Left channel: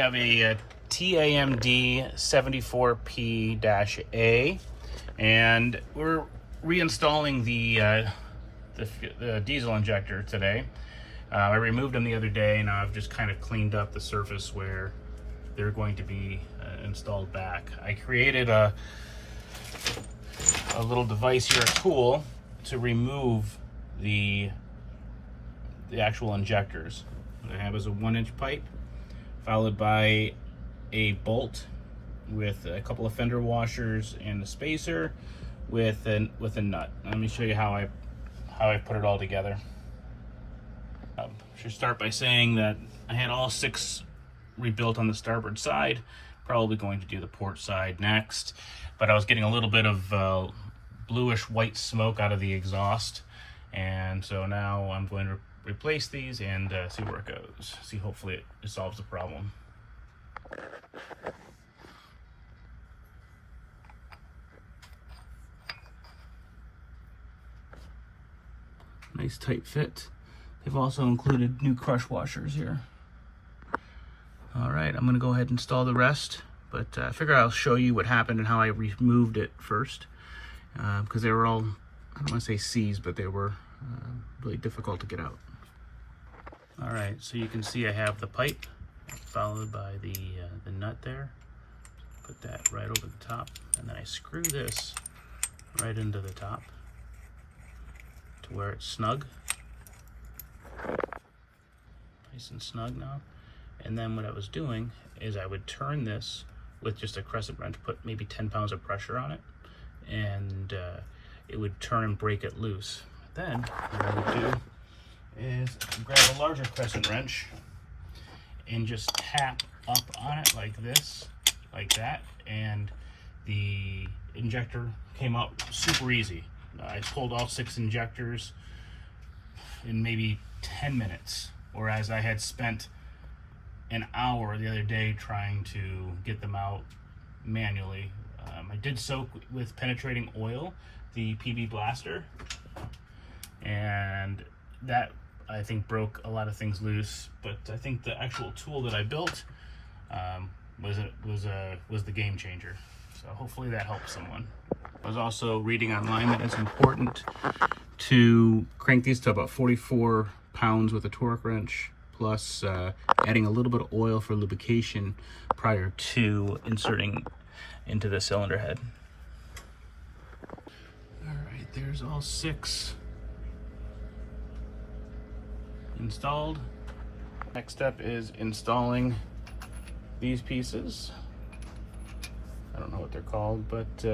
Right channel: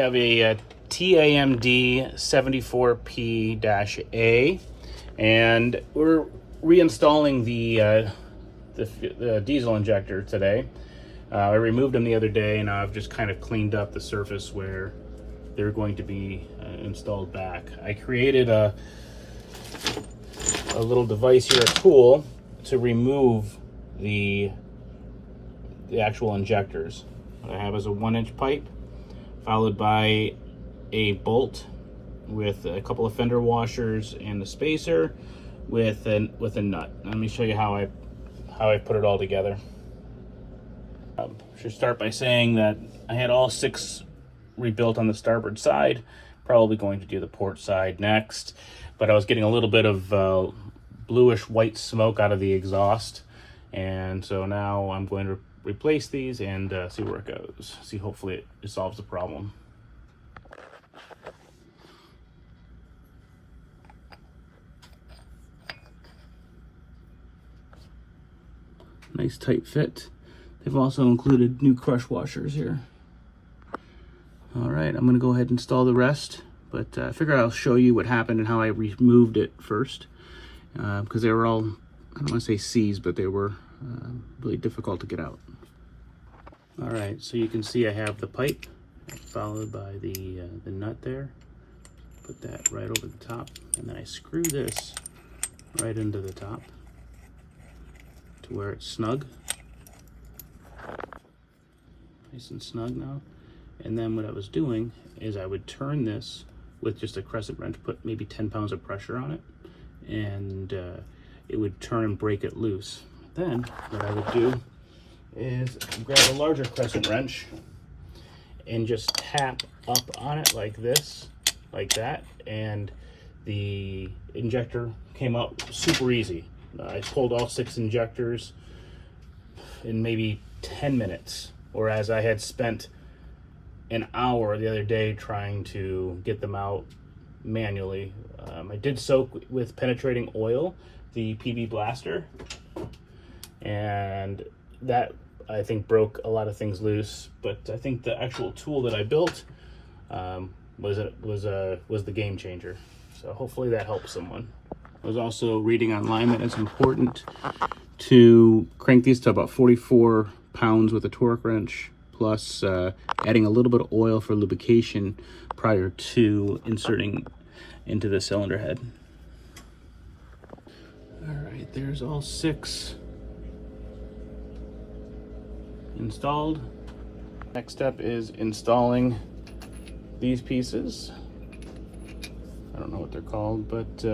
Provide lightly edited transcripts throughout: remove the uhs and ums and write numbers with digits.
I have a TAMD 74P-A, and we're reinstalling the diesel injector today. I removed them the other day, and I've just kind of cleaned up the surface where they're going to be installed back. I created a little device here, a tool, to remove the actual injectors. What I have is a 1-inch pipe, followed by a bolt with a couple of fender washers and a spacer with a nut. Let me show you how I put it all together. Should start by saying that I had all 6 rebuilt on the starboard side. Probably going to do the port side next, but I was getting a little bit of bluish white smoke out of the exhaust, and so now I'm going to replace these and see where it goes. See, hopefully it solves the problem. Nice tight fit. They've also included new crush washers here. All right, I'm gonna go ahead and install the rest, but I figure I'll show you what happened and how I removed it first, because they were all, I don't want to say seized, but they were really difficult to get out. All right, so you can see I have the pipe followed by the nut there. Put that right over the top, and then I screw this right into the top to where it's snug. Nice and snug now. And then what I was doing is I would turn this with just a crescent wrench, put maybe 10 pounds of pressure on it, and it would turn and break it loose. Then what I would do is grab a larger crescent wrench and just tap up on it like this, like that, and the injector came out super easy. I pulled all 6 injectors in maybe 10 minutes, whereas I had spent an hour the other day trying to get them out manually. I did soak with penetrating oil the PB blaster, and that I think broke a lot of things loose, but I think the actual tool that I built was the game changer. So hopefully that helps someone. I was also reading online that it's important to crank these to about 44 pounds with a torque wrench, plus adding a little bit of oil for lubrication prior to inserting into the cylinder head. All right, there's all 6 installed. Next step is installing these pieces. I don't know what they're called, but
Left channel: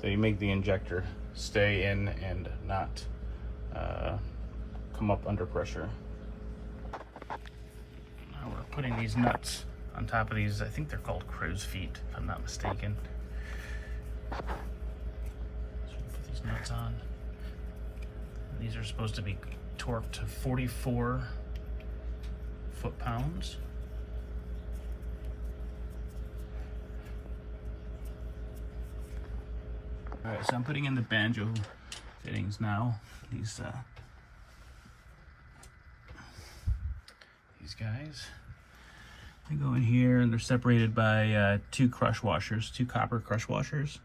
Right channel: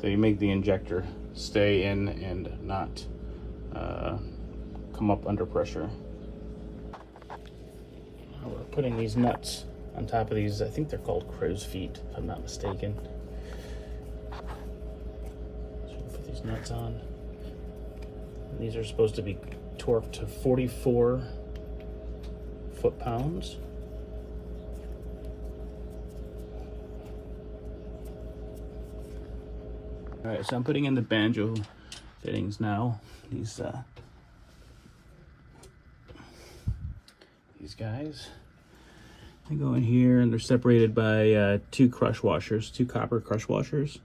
they make the injector stay in and not come up under pressure. Now we're putting these nuts on top of these. I think they're called crow's feet, if I'm not mistaken. So we'll put these nuts on. And these are supposed to be torqued to 44 foot-pounds. All right, so I'm putting in the banjo fittings now. These guys, they go in here, and they're separated by 2 crush washers, 2 copper crush washers,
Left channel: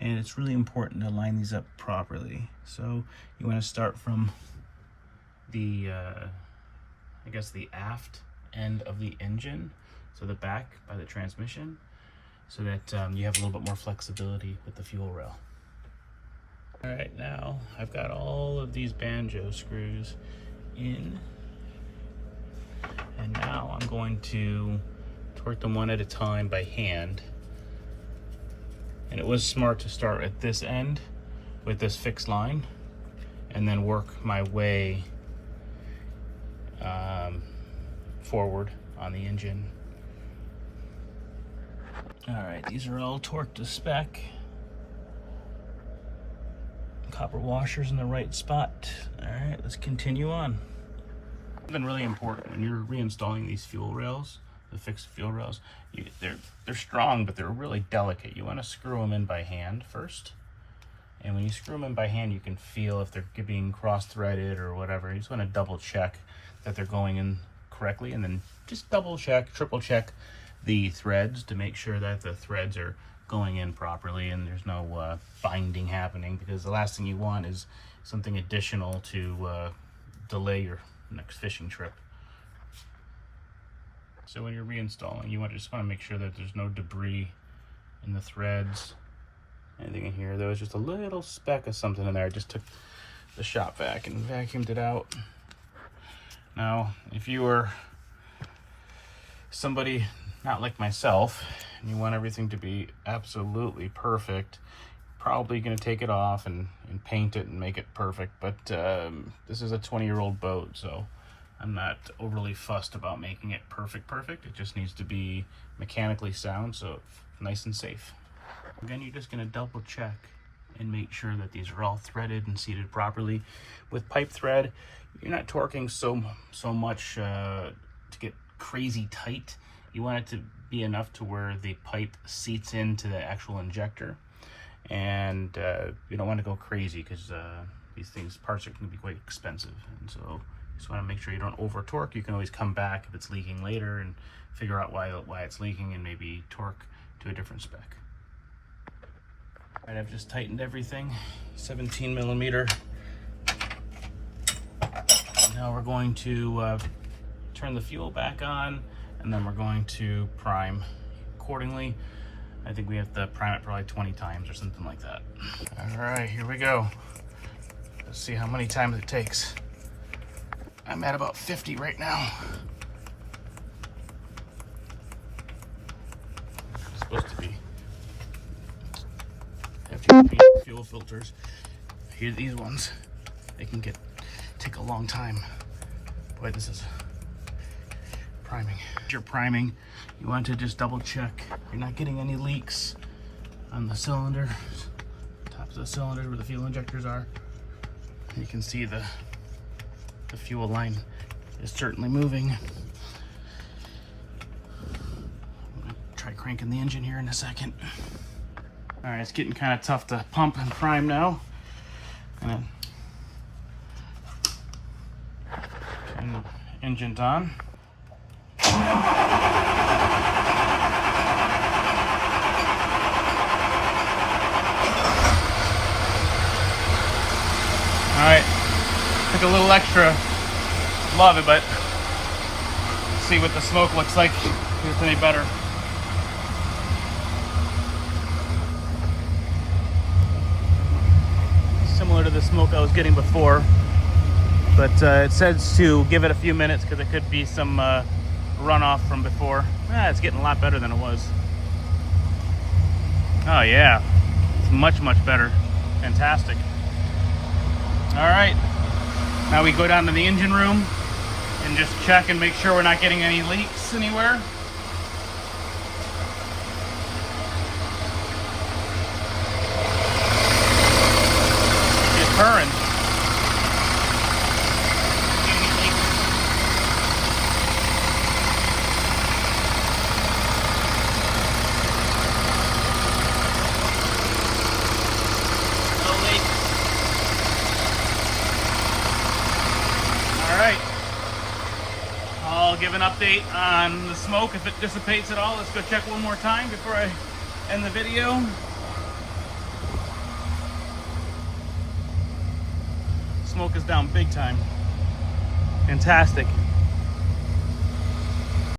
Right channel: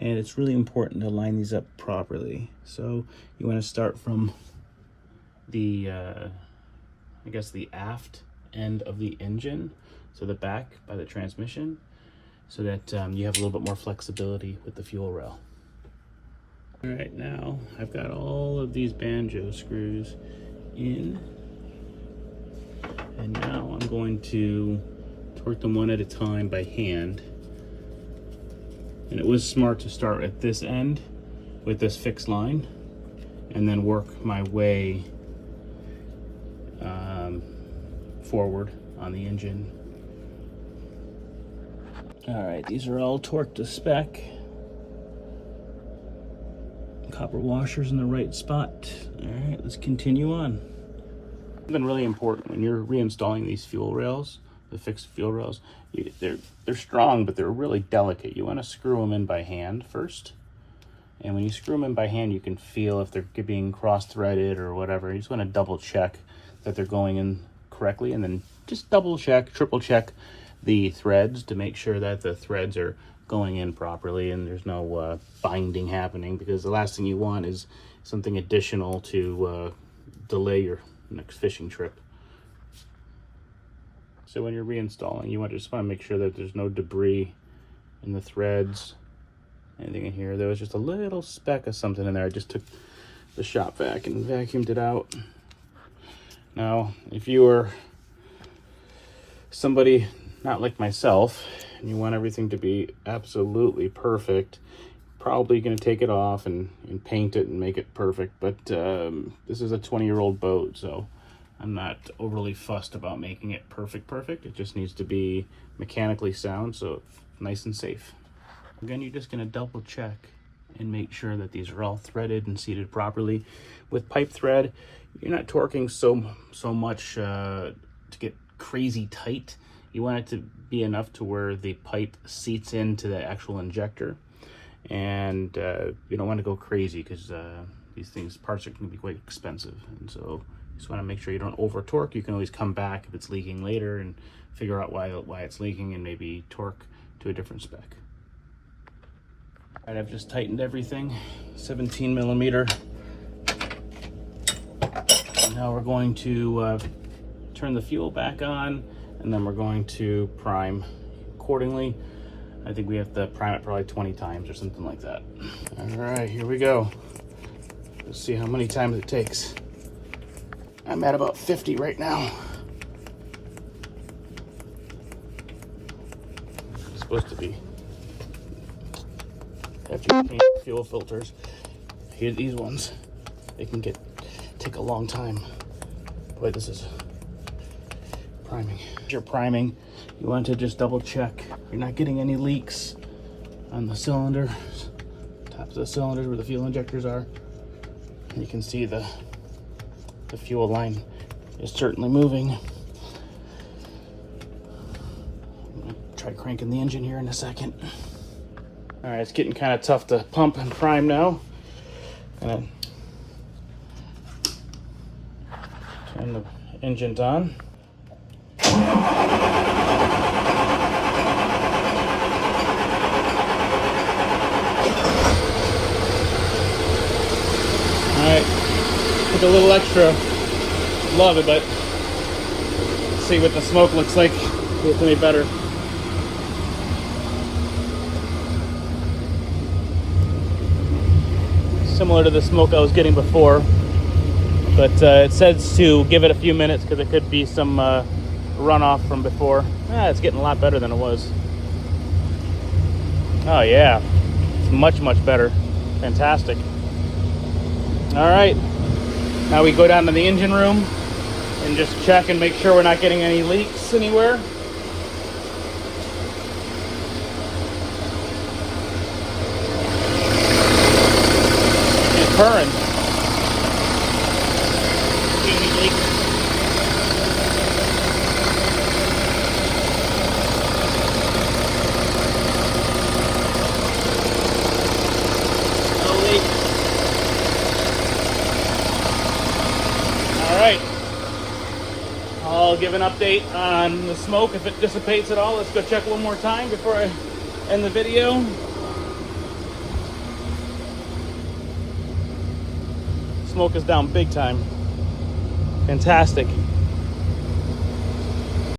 and it's really important to line these up properly. So you want to start from the I guess the aft end of the engine, so the back by the transmission, so that you have a little bit more flexibility with the fuel rail. All right, now I've got all of these banjo screws in, and now I'm going to torque them one at a time by hand. And it was smart to start at this end with this fixed line and then work my way forward on the engine. All right, these are all torqued to spec. Copper washers in the right spot. All right, let's continue on. It's been really important when you're reinstalling these fuel rails, the fixed fuel rails. They're strong, but they're really delicate. You want to screw them in by hand first. And when you screw them in by hand, you can feel if they're being cross-threaded or whatever. You just want to double check that they're going in correctly, and then just double check, triple check the threads to make sure that the threads are going in properly and there's no binding happening, because the last thing you want is something additional to delay your next fishing trip. So when you're reinstalling, you just want to make sure that there's no debris in the threads, anything in here. There was just a little speck of something in there. I just took the shop vac and vacuumed it out. Now, if you are somebody not like myself and you want everything to be absolutely perfect, probably going to take it off and paint it and make it perfect. But this is a 20-year-old boat, so I'm not overly fussed about making it perfect. It just needs to be mechanically sound, so nice and safe. Again, you're just going to double check and make sure that these are all threaded and seated properly. With pipe thread, you're not torquing so much to get crazy tight. You want it to be enough to where the pipe seats into the actual injector, and you don't want to go crazy, because these parts are going to be quite expensive, and so you just want to make sure you don't over torque. You can always come back if it's leaking later and figure out why it's leaking and maybe torque to a different spec. All right, I've just tightened everything, 17 millimeter. Now we're going to turn the fuel back on, and then we're going to prime accordingly. I think we have to prime it probably 20 times or something like that. All right, here we go. Let's see how many times it takes. I'm at about 50 right now. It's supposed to be. After you change the fuel filters, here, these ones, they can take a long time. Boy, this is priming. If you're priming, you want to just double check you're not getting any leaks on the cylinder, top of the cylinders where the fuel injectors are. And you can see the fuel line is certainly moving. I'm gonna try cranking the engine here in a second. All right, it's getting kind of tough to pump and prime now. Gonna turn the engine on. All right, took a little extra, love it, but see what the smoke looks like, see if it's any better. Similar to the smoke I was getting before, but it says to give it a few minutes because it could be some runoff from before. It's getting a lot better than it was. Oh yeah, it's much better. Fantastic. All right, now we go down to the engine room and just check and make sure we're not getting any leaks anywhere. It's purring. See any leaks? No leaks. I'll give an update on the smoke if it dissipates at all. Let's go check one more time before I end the video. Smoke is down big time. Fantastic.